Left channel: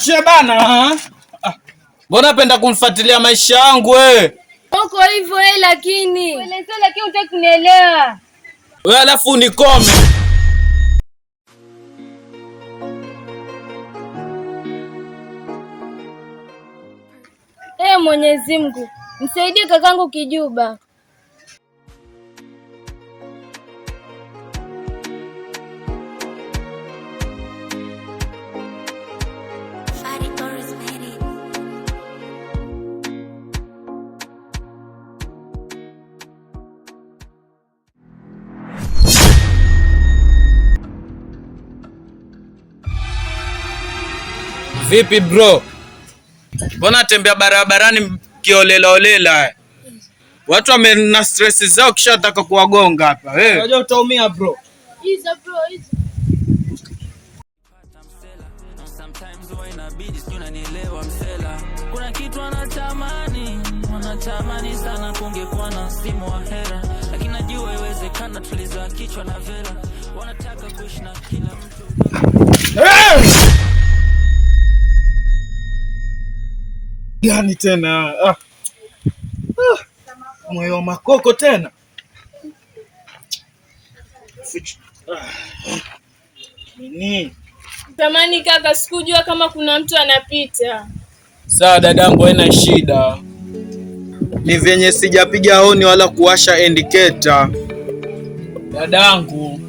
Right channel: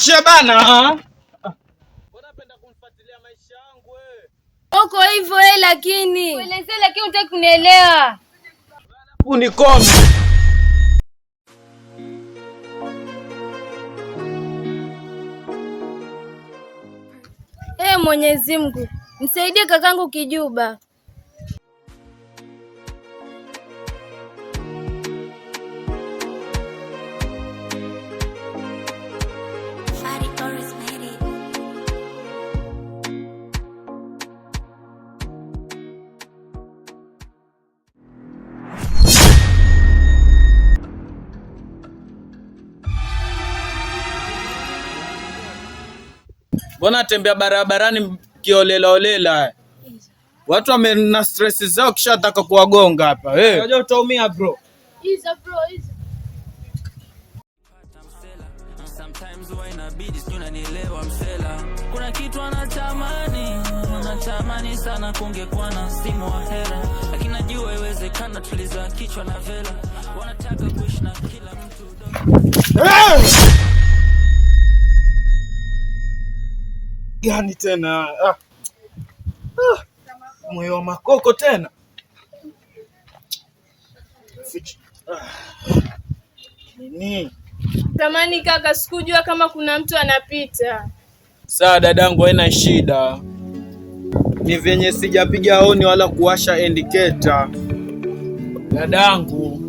Niache bana. Mbona penda kumfuatilia maisha yangu wewe? Uko hivyo lakini. Ueleze lakini unataka kunielewa. Wewe alafu unikome. Mwenyezi Mungu, msaidie kakangu Kijuba. Vipi bro? Mbona tembea barabarani kiolelaolela? Watu wamena stress zao kisha nataka kuwagonga hapa. Unajua utaumia bro. Hizo bro, hizo. Sometimes huwa inabidi sio unanielewa msela. Kuna kitu anatamani sana kungekuwa na simu wa hera. Lakini najua iwezekana tuliza kichwa na vela. Wanataka kuishi na kila mtu. Gani tena? Moyo wa makoko tena. Nini? Tamani kaka, sikujua kama kuna mtu anapita. Sawa dadangu, haina shida. Ni venye sijapiga honi wala kuwasha indicator. Dadangu.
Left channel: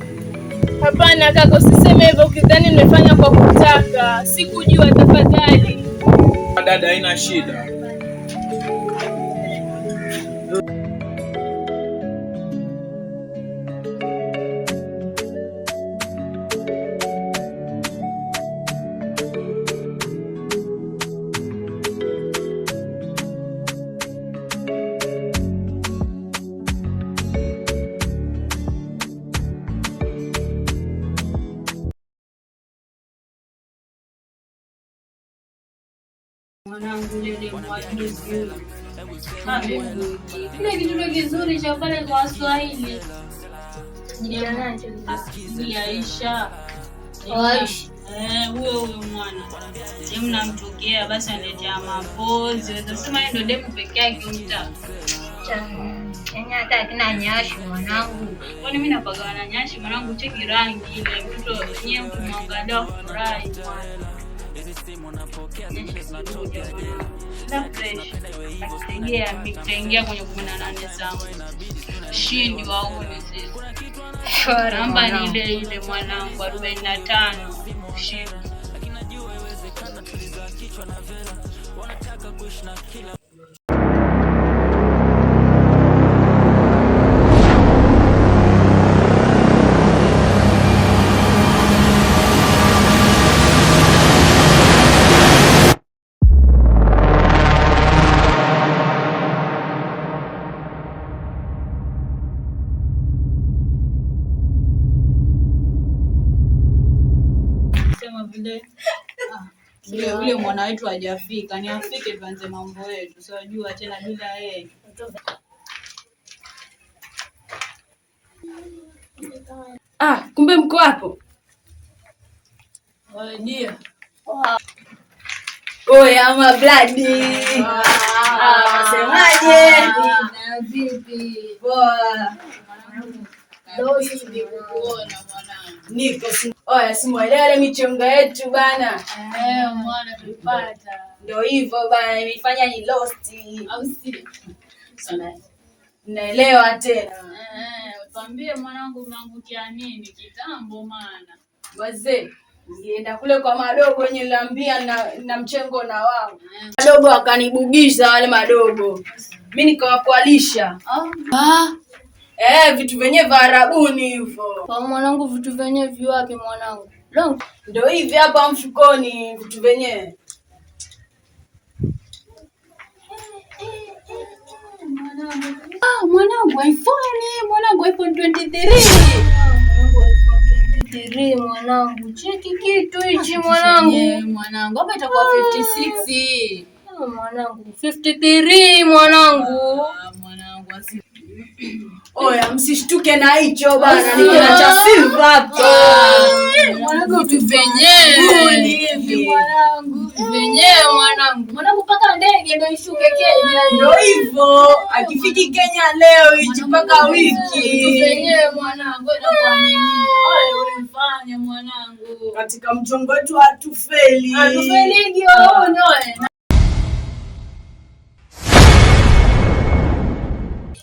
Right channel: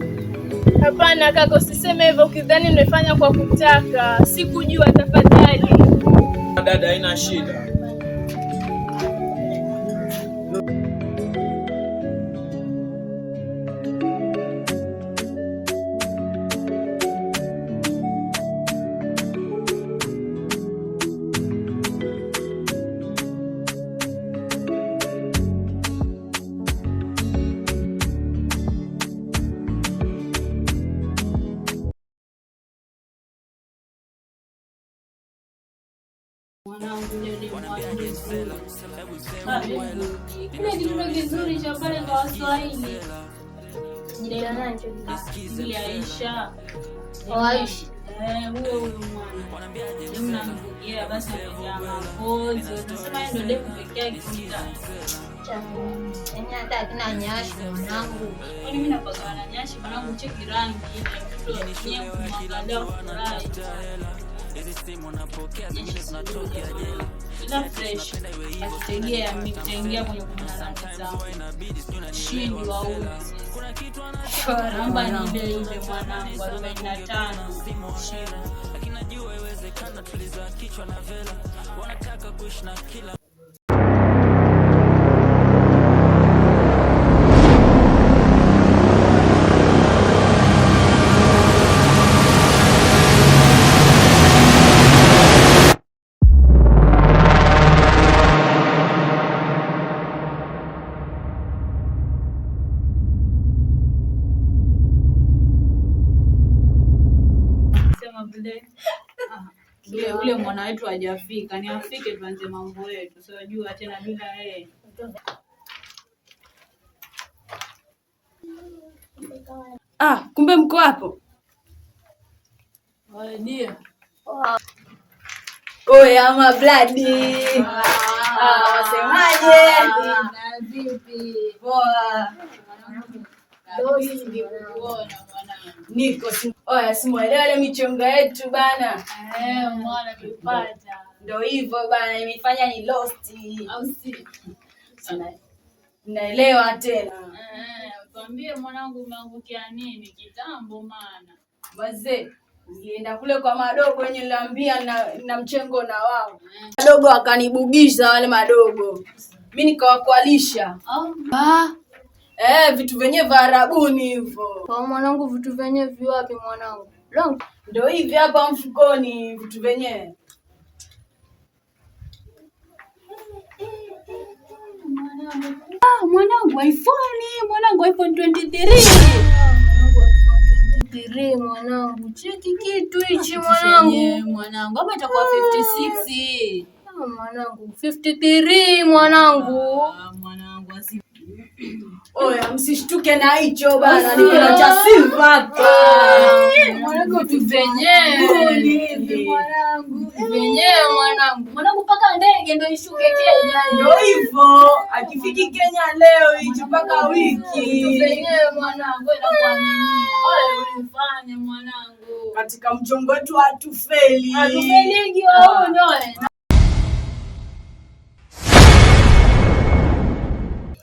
Hapana kaka, usiseme hivyo, ukidhani nimefanya kwa kutaka. Sikujua, tafadhali. Dada, haina shida. Kile kitu kizuri cha pale kwa Waswahili. Aisha. Huyo mwana. Mnamtokea basi anatetea mapozi. Unasema ndio demu pekee yake mtaa. Hata kina nyashi mwanangu. Kwani mimi napaka na nyashi mwanangu, cheki rangi ile mtoto yenyewe mwangalia furahi. Hizi simu napokea zingine zinatokea jela. Na fresh. Asikia mitaingia kwenye 18 zangu. Shindi wa ule sisi. Namba ni ile mwanangu 45. Shindi. Lakini najua iwezekana tuliza kichwa na vela. Wanataka kuishi na kila Yule mwana wetu hajafika, ni afike tuanze mambo yetu. Siwajua tena bila yeye. Kumbe mko hapo. Ndio. Oya bloody. Semaje? Na vipi? Poa. Niko simuelewe michongo yetu bana. Mwana tulipata. Ndio hivyo bana, imefanya ni lost. Au si? Naelewa tena. Tuambie mwanangu, umeangukia nini kitambo maana? Wazee, nilienda kule kwa madogo wenye niliambia na mchengo na wao. Madogo wakanibugisha wale madogo. Mimi nikawakwalisha. Vitu venye vya Arabuni hivyo. Kwa mwanangu, vitu venye viwapi mwanangu? Ndio hivi hapa mfukoni vitu venye. Mwanangu iPhone 23. Mwanangu cheki kitu hichi mwanangu. Mwanangu hapa itakuwa 56. Mwanangu 53 mwanangu. Mwanangu Oya, msishtuke na hicho bana. Niko na cha silver hapa. Mwanangu tu venyewe. Hivi mwanangu. Venyewe mwanangu. Mwanangu paka ndege ndio ishuke Kenya. Ndio hivyo. Akifiki Kenya leo hichi paka wiki. Venyewe mwanangu inakuaminia. Wewe ulifanya mwanangu. Katika mchongo wetu hatufeli. Hatufeligi wewe.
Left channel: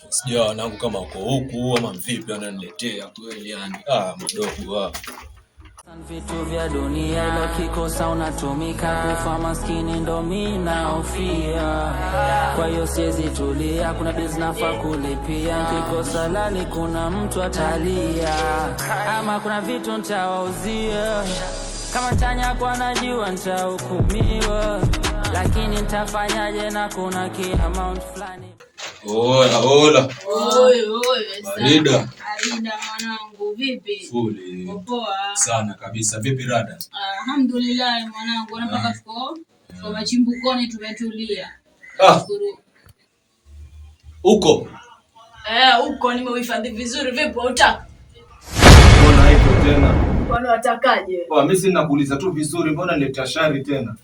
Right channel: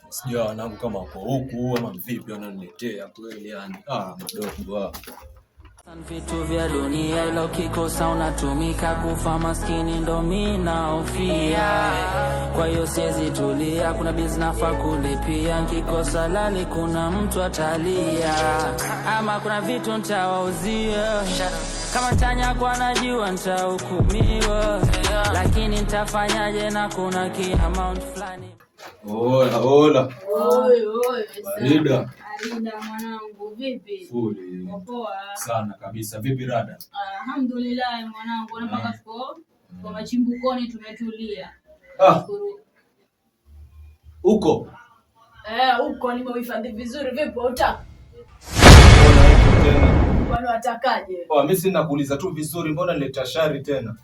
Sijua wanangu kama uko huku ama vipi ananiletea kweli yani. Madogo Vitu vya dunia ilo kikosa unatumika kufa maskini ndo mimi naofia. Kwa hiyo siwezi tulia, kuna bills nafaa kulipia, nikikosa lali kuna mtu atalia. Ama kuna vitu nitawauzia, kama tanya kwa najua nitahukumiwa, lakini nitafanyaje na kuna ki amount fulani. Hola. Alida Mwanangu vipi? Fuli. Poa. Sana kabisa. Vipi rada? Alhamdulillah mwanangu, napaka tuko machimbukoni tumetulia. Uko? Uko nimeuhifadhi vizuri. Vipi unataka? Mbona watakaje? Mimi sina kuuliza tu vizuri, mbona nileta shari tena?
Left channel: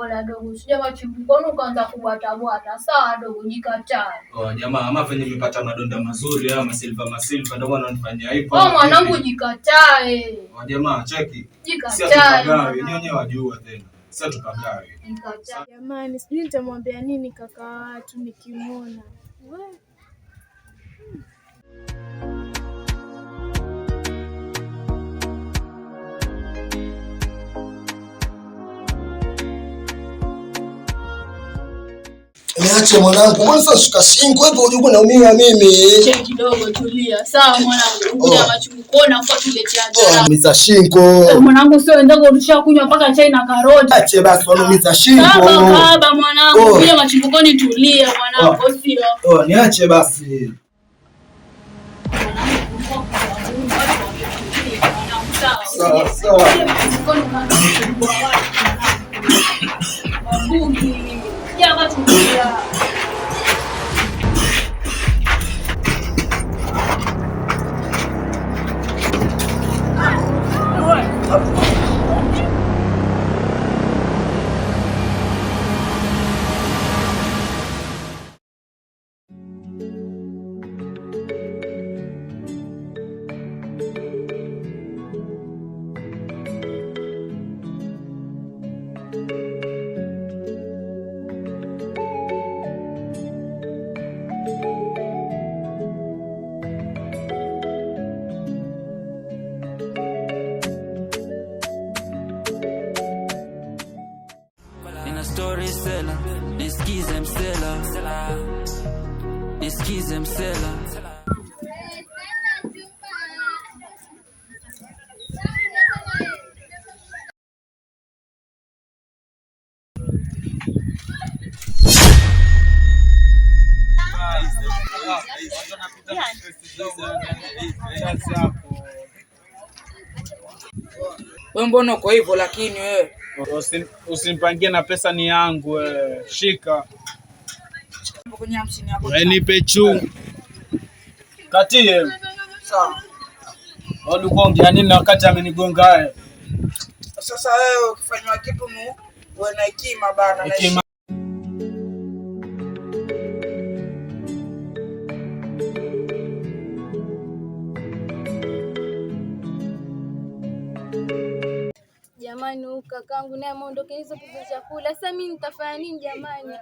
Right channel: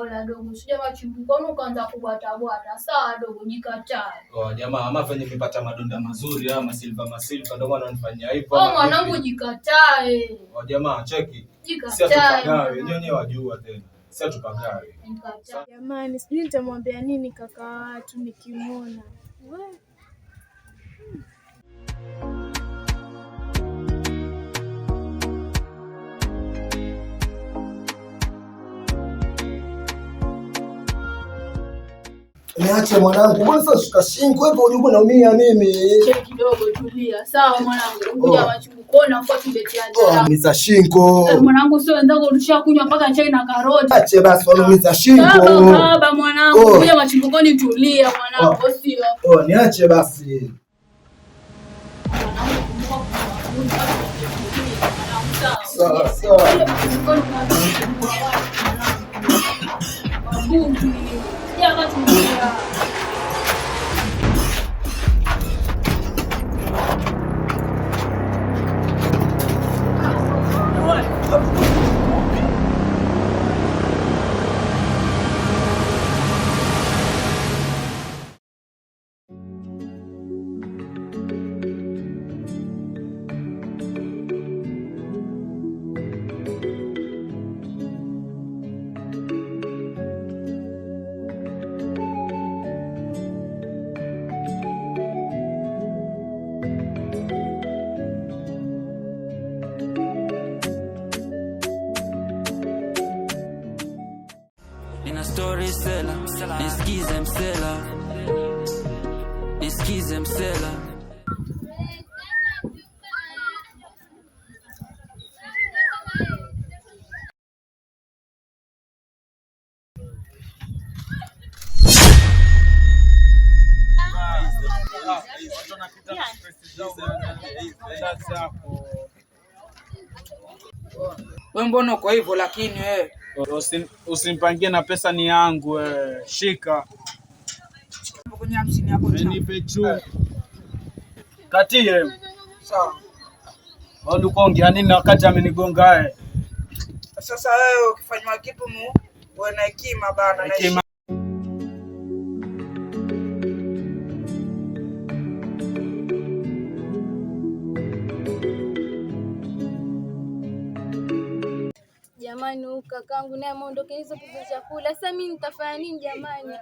Ola dogo, sija machimbukoni ukaanza kubwata. Sawa dogo, jikataa. Jamaa ama venye nimepata madonda mazuri ama masilva ndio maana unanifanyia hivyo. Mwanangu jikatae. Jamaa cheki. Jikatae. Sasa tupagawe, nyonye wajua tena. Sasa tupagawe. Jikatae. Jamani, sijui nitamwambia nini kaka watu nikimwona. Niache mwanangu, mbona sasa shuka shingo hivyo unajua naumia mimi. Cheki kidogo tulia. Sawa mwanangu, ukuja machimbukoni afu tuletea dada. Umiza shingo. Mwanangu sio ndogo ulishakunywa mpaka chai na karoti. Ache basi umiza shingo. Baba mwanangu, ukuja machimbukoni tulia mwanangu sio. Niache basi. Sawa. Nina story seller, nisikize msela. Wewe mbona uko hivyo lakini wewe? Usinipangie na pesa ni yangu wewe. Shika. Kwenye 50 yako. Nipe chungu. Katie. Sawa. Ulikuwa ongea nini wakati amenigonga wewe? Sasa wewe ukifanywa kitu uwe na hekima bana. Hekima. Jamani, kakangu naye ameondoka hizo pesa chakula. Sasa mimi nitafanya nini jamani?